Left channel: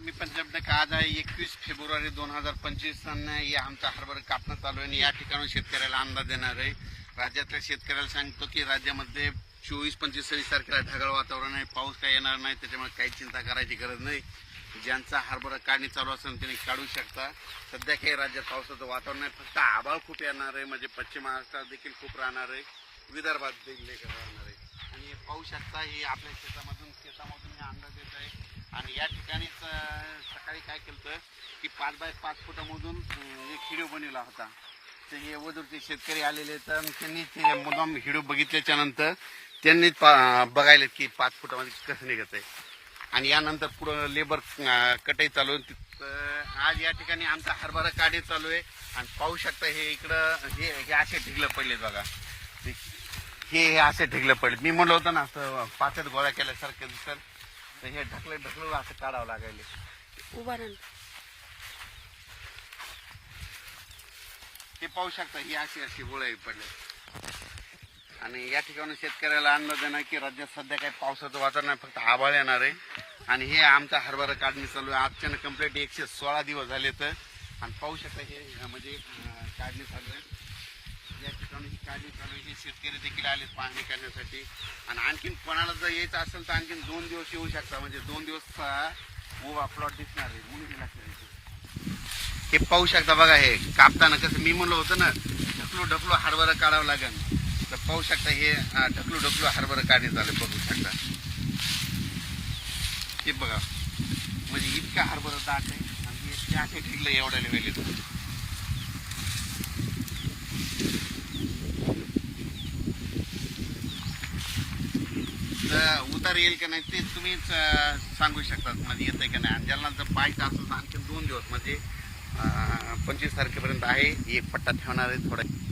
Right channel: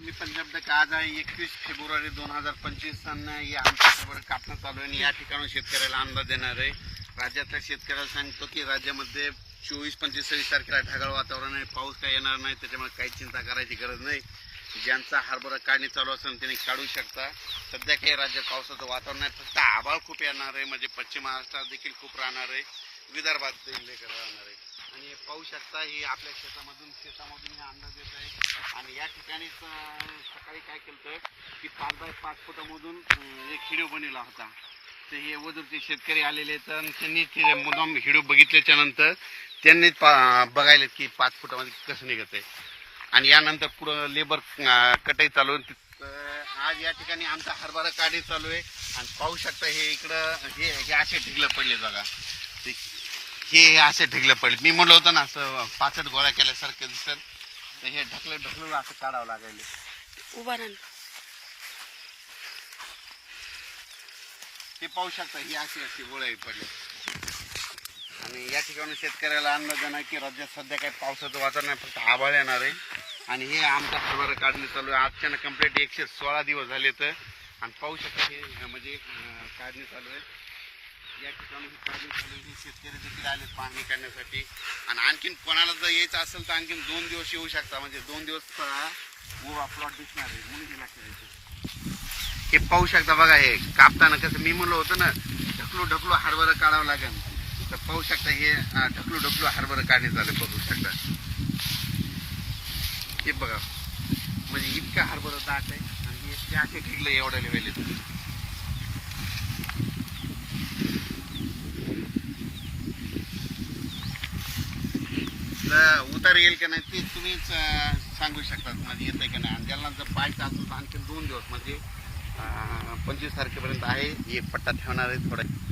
मी पंचशब्द आज आहे? एकवीस फेब्रुवारी दोन हजार पंचवीस या आमच्या बरोबर कापणं चालू आहे आणि या ठिकाणी शेतकऱ्याला अंदाज देणार आहे. राज्यातल्या शेतकऱ्याला सांगतो की राज्यामध्ये चोवीस पंचवीस सव्वीस तारखेला ढगाळ वातावरण आहे. पाऊस काय येणार नाही त्याच्यामुळे काही चिंता करायची गरज नाही. ज्यांचा हरभरा काढणी चालू असेल त्यांनी काढू शकता. सध्या काही राज्यात पावसाचं वातावरण आहे. फक्त आभाळ खूप येणार आहे. म्हणजे पश्चिम महाराष्ट्रात देखील खूप राहणार आहे. विदर्भात देखील राहणार आहे. आणि पाहू शकता ही आपल्या शेतामधून शेतामधून अंदाज येत आहे. या ठिकाणीच सकाळी काय केलं की पाच बाय पाच फुटामधून एक हिडिओ बनवला होता. तर हे वधूरचे शेतकरी आलेले आहेत त्यांनी ते मुद्दाम हिडिओ बघितल्याच्या नंतर त्यांनी बघायला की पाच फुटामध्ये कसं निघत आहे. आणि यानंतर पुढं लेबर कटाई चालू आज या ठिकाणी आमचा हरभरा काढी चालू आहे. आणि पाहू शकता हे इकडं हे हे असे ढिगलं पडले बघा. हे हे असे ढिगले पडले. मी म्हणलं होतं ना असं पाचट गोळा केल्यासारखं दिसत. तर हे ढकले ढकलून असं काढावं लागायले उभा राहा ते पाहू शकता ही अशी अशी गोळे पडले आणि या ठिकाणी शेतकऱ्याला अंदाज आहे की राज्यात सध्या काही पावसाचं वातावरण फक्त आभाळ येणार आहे. आणि हे आमचा हरभरा काढणी चालू आहे. आजच्यानं कंप्लीट एकशे सोळा दिवस झाले तर. आणि पाहू शकता हे म्हणजे काढणी चालू आहे. या ठिकाणी ही काढणी चालू आहे हे शेतकरी देखील आले पाहणी करण्यासाठी. आणि आणखीन कोणाला जर यायचं असेल तर आणखीन दोन दिवस येऊ शकता. म्हणजे दोन दिवस अं, उभा प्लॉट दिसणार आहे. म्हणून हे लक्षात हे पाहू शकता बघा हे कापताना कसं मी म्हणलं होतं ना ढकलू ढकलू हरभरा काढावं लागेल. तर पाहू शकता हे ढकलू ढकलू हरभरा काढणे झालं. बघू शकता. हे बघा. म्हणजे इतका हरभरा दाट आहे. आणि हे असे ठिकलं एवढ्या लेवल उतार येईल का नाही ते तुम्हीच सांगू शकतात. म्हणजे येतंय का नाही? आणि ज्यांना जर पाहायचं असेल तर आणखी दोन दिवस. म्हणजे पंचवीस तारखेपर्यंत आहे. एक पट्टा थांबणार आहे थोडं